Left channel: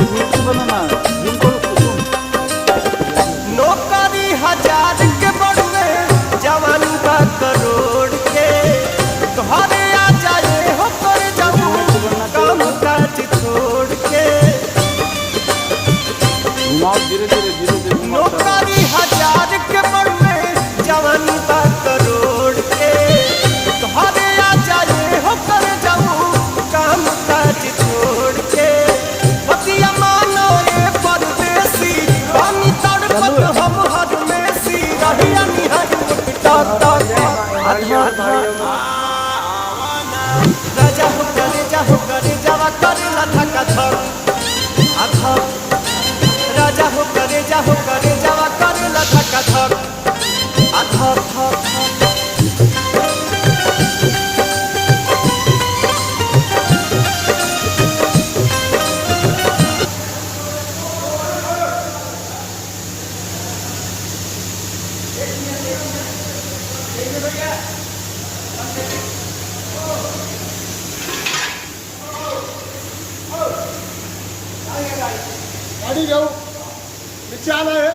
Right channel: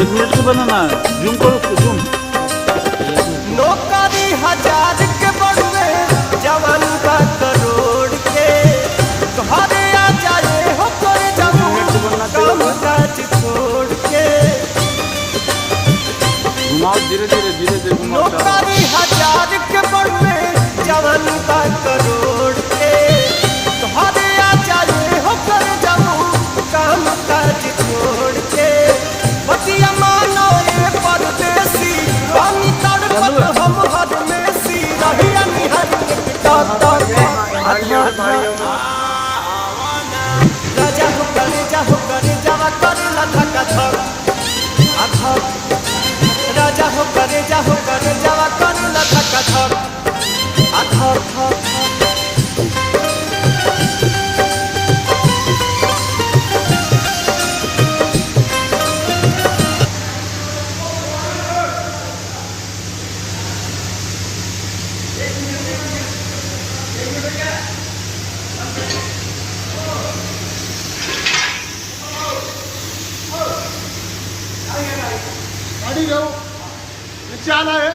एक मिनट के बनाना जूम करो जूम नौकरी 1000 के बढ़वे जवान का करोड़ के घरे आ जाए हो कर जाऊं काम काज छोड़ के घुमाओ धीरे धीरे घुमाओ नौकरी 1000 के बढ़वे जवान का करोड़ के घरे आ जाए हो कर जाऊं काम काज छोड़ के बतिया मानो ये परदेसी पानी तड़पत हम हर में सी रहिया निहर टक टक आधा राजा हो करे जावा करे लधका धक आधा राजा हो करे जावा करे लधका धक आधा गाड़ी जाओ नीचे आना है।